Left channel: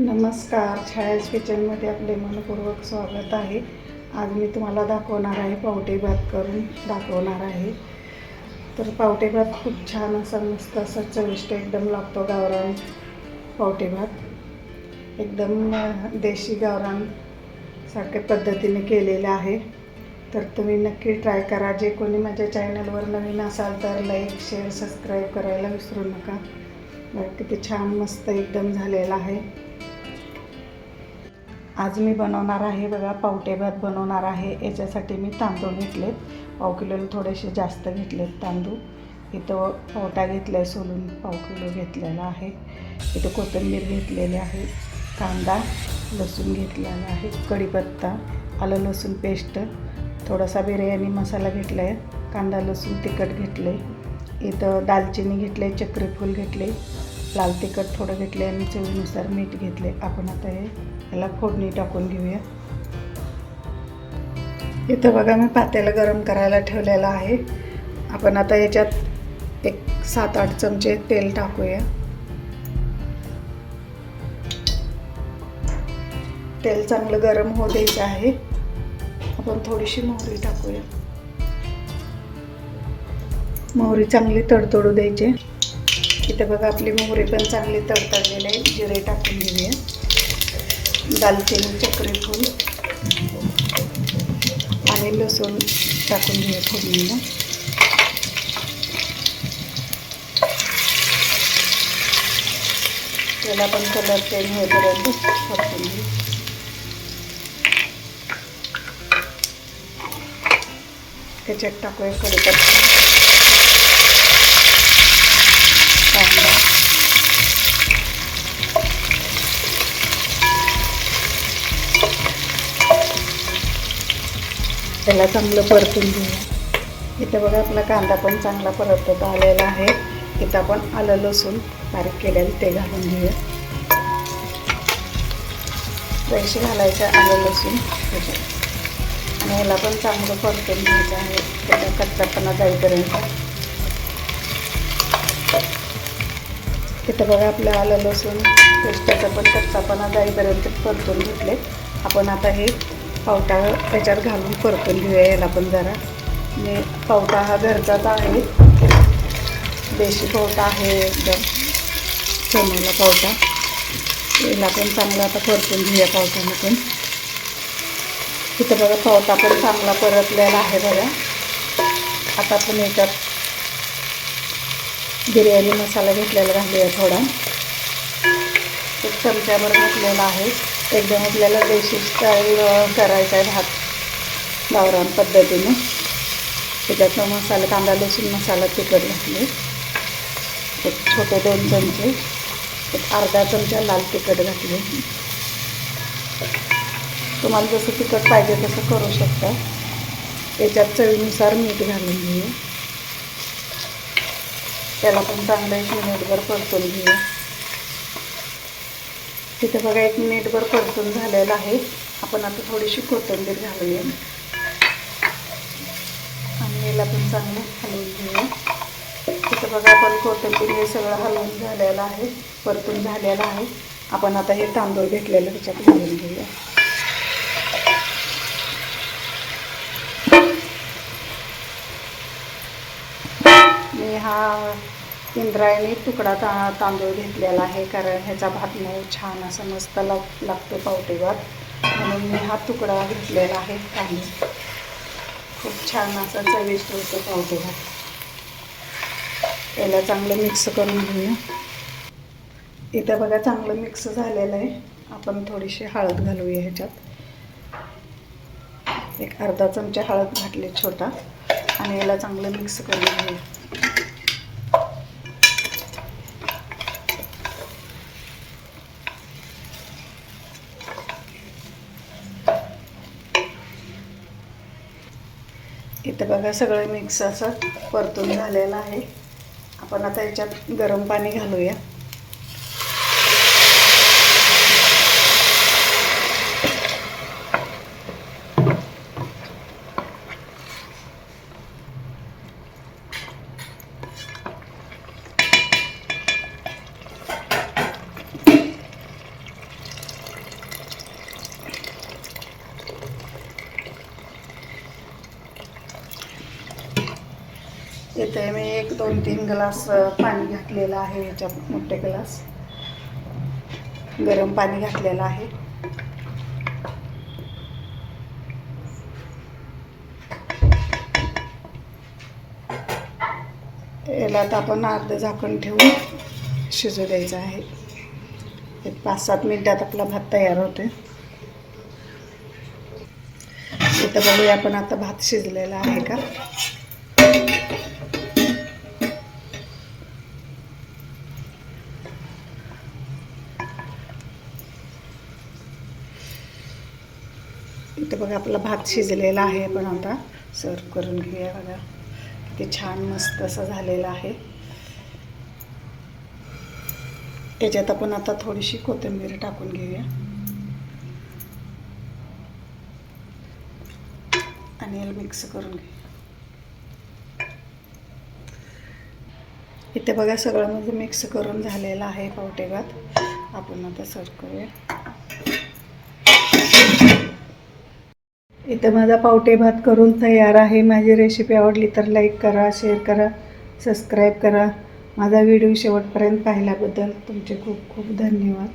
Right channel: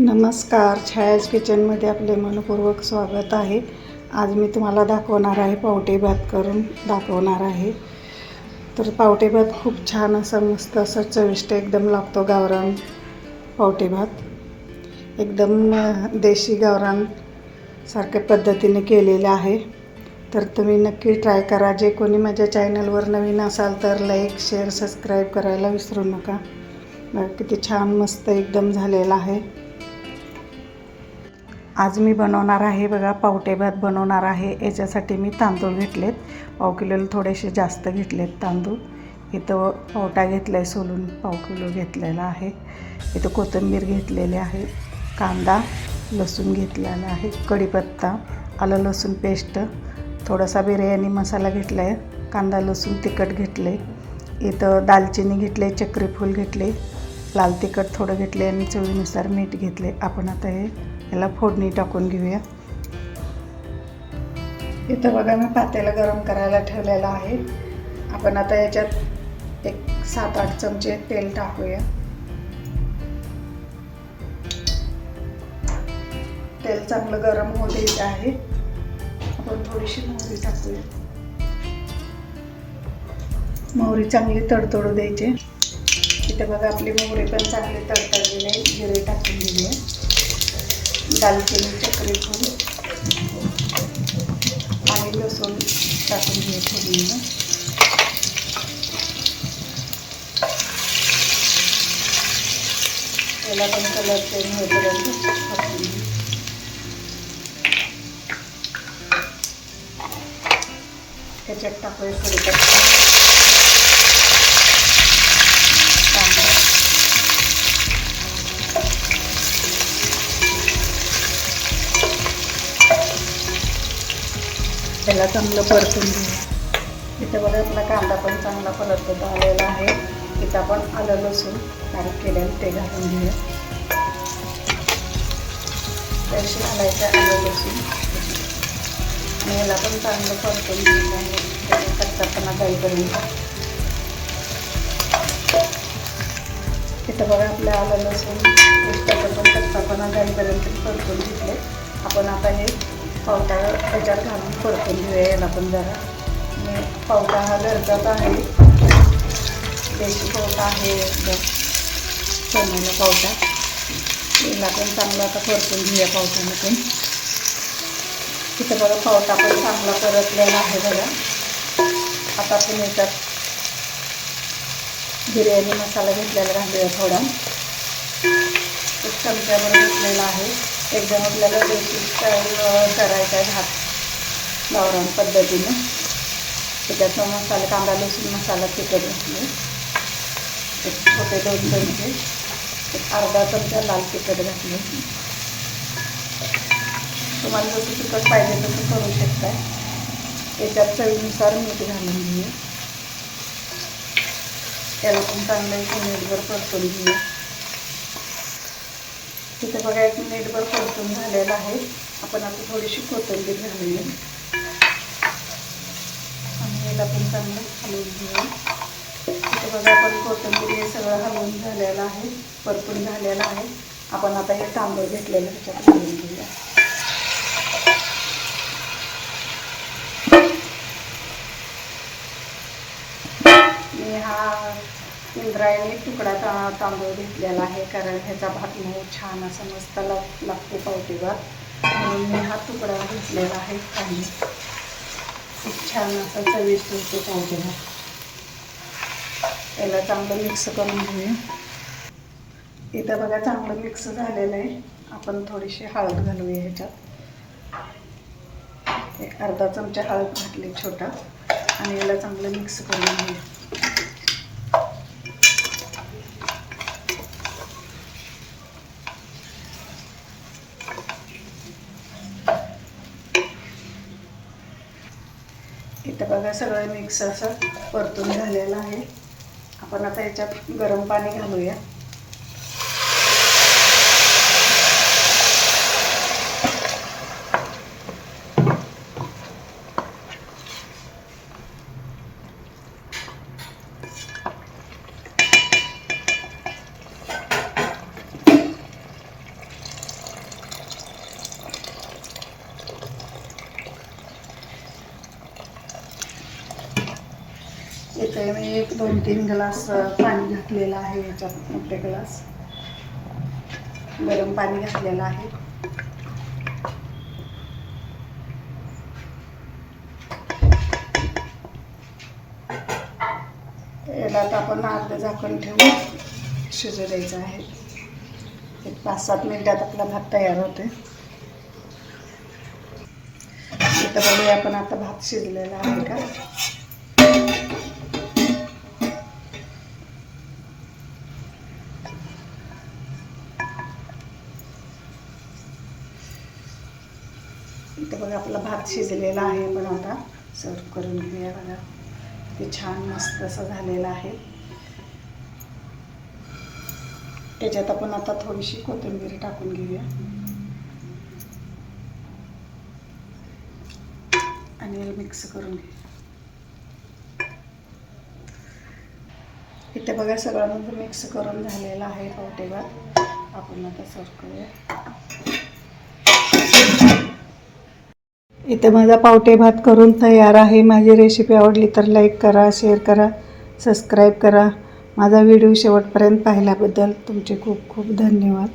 नमस्कार छायाज किचनमध्ये आपले मनपूर्वक स्वागत आहे. आज मी तुम्हाला दाखवणार आहे पावटे भात करून दाखवणार आहे. तर पावटे भात खूप छान असा मस्त असा चविष्ट एकदम लागतो गावरान पावटे भात. एकदम देशी गावरान सारख्या पद्धतीने केलेलं आहे. तर तुम्ही नक्की ट्राय करा. जे कोणी माझ्या चॅनलवर नवीन असाल तर लाईक शेअर सबस्क्राईब करायला विसरू नका. किती छान मस्त एकदम झालेला आहे. आज मी बनवणार आहे बघा पावटे भात बनवणार आहे. याच्यासाठी मी तांदूळ घेतलेत. पाव किलोला थोडेसे जास्त घेतलेत तांदूळ. इथं पावटा घेतला आहे सोलून पाव किलो घेतलेला आहे. इथं कोथिंबीर घेतलेली आहे कांदा लसूण घेतलेला आहे कढीपत्ता आलं लसूण पेस्ट थोडासा बिर्याणी मसाला घेतला आहे कांदा लसूण तिखट घेतले इथं दालचिनी घेतले चक्रीफूल घेतले लाल तिखट थोडं घेतले आणि चवीनुसार मीठ घेतले. आपण आता हे याला फोडणी टाकून घेऊया. इथं बघा मी पातेलं गरम करायला ठेवलेलं आहे. आपण आता याच्यात एक सात आठ चमचे तेल टाकूया. तेल चांगलं गरम होऊ द्यायचं आहे. आपण थोडीशी मोहरी टाकूया. मोहरी चांगली तडतडू द्यायची. इथं बघा आपले मोहरे पण चांगले तडतडलेली आहे जिरे टाकून घेऊया दालचिनी चक्री फूल आणि लसूण टाकून घेऊया फोडणीला. त्याला पण कलर चेंज होईपर्यंत टाकून घेऊ त्याच्यात टाकूया कढीपत्ता कांदा त्याला चांगलं परतून घेऊया. इथं बघा आपला कांदा पण चांगला परत आलेला आहे. इथं आपण आलं लसूण बारीक केलेलं ते घालून घेऊया. पैसे घालायचं आलं लसूण. आणि याला पण चांगलं परतून घ्यायचं आहे. त्याला कच्चापणा जाईपर्यंत. इथं बघा आपलं आलं लसूण. पेस्टाचा पण कच्चापणा जाईपर्यंत परतून घेतले. आपण आता हे पावटा त्याच्यावर घालून परतून घेऊया याला पण जरा. आणि पावटा हा घरचाच आहे. देशी पावटा आहे एकदम सोनेला पावटा. याला पण चांगला आता परतून घेऊया पावटाने पण. बघा पावटा पण चांगला परतलेला आहे बघा. आता आपण याच्यात बिर्याणी मसाला घेतलेला घालूया थोडा. एक चमच्यावर घातलेला आहे. एकदम आपल्याला बेसिक स्टाईल करायचा आहे भात. गावरान पद्धतीने. त्याच्यात मसाला कांदा लसूण मसाला तिखट घातले. एक छोटे दोन चमचे. एक अर्धा चमचा लाल तिखट घातले. तुम्हाला जसं तिखट पाहिजे तसं करू शकता. त्याच्यात चवीनुसार मीठ घालून घेऊ त्याला पण चांगलं एक मिनिटभर परतून घेऊ तिथे बघा एक मिनिटभर परतून झालेलं आहे. आपण आता थोडीशी कोथिंबीर घालूया आणि याला पण चांगलं खाली घेऊया तिथे बघा आपण कोथिंबीर हे सगळं घालून झालेलं आहे. परतून झालेलं आहे. आपण आता हे तांदूळ घेतलेलं त्याच्यात घालून घेऊया. इंद्रायणी तुकडा ता तांदूळ घेतलेला आहे. कारण ह्याचा भात मऊ छान असा मस्त लाग लागतो पावटीवर. म्हणून मी हा तुकडा घेतलेला आहे काही खूप छान असा चविष्ट होतो पावटीवर. त्याला चांगलं मिक्स करून घेऊ. इथं बघा चांगलं मिक्स झालेलं आहे. आपण थोडीशी हळद घालूया ह्याच्यात. एक अर्धा चमचा हळद घातली छोटा. आणि याला चांगलं मिक्स करून घेऊ. इथं बघा सगळं मिक्स असं परतून झालेलं आहे. आपण आता याच्यात गरम पाणी घालूया. इथे मी एक दोन तीन ग्लास पाणी घातलेलं आहे याच्यात मोठे ग्लास. गरम पाणी घातलेलं आहे. याला आता आपण अर्ध झाकण ठेवून शिजू द्यायचं आहे. एक पाच सात मिनिटात आपला भात तयार होतोय. इथं बघूया आपण आता भात शिजलेला आहे का? ते बघा आपला भात शिजलेला आहे पण आता सर्व करून घेऊया बघा. ते छान मस्त असं झालेलं आहे. त्याच्यात आपण आता थोडीशी कोथिंबीर टाकून घेऊया. आणि याला मिक्स करून घेऊया. इथे बघा सगळं मग मिक्स करून झालेलं आहे पावटेबात आपण आता सर्व करूया. इथे माझा पावटे भात करून तयार आहे. माझी रेसिपी आवडली तर लाईक करा शेअर करा सबस्क्राईब करा. माझा व्हिडिओ शेवटपर्यंत पाहिल्याबद्दल तुमचे खूप खूप धन्यवाद.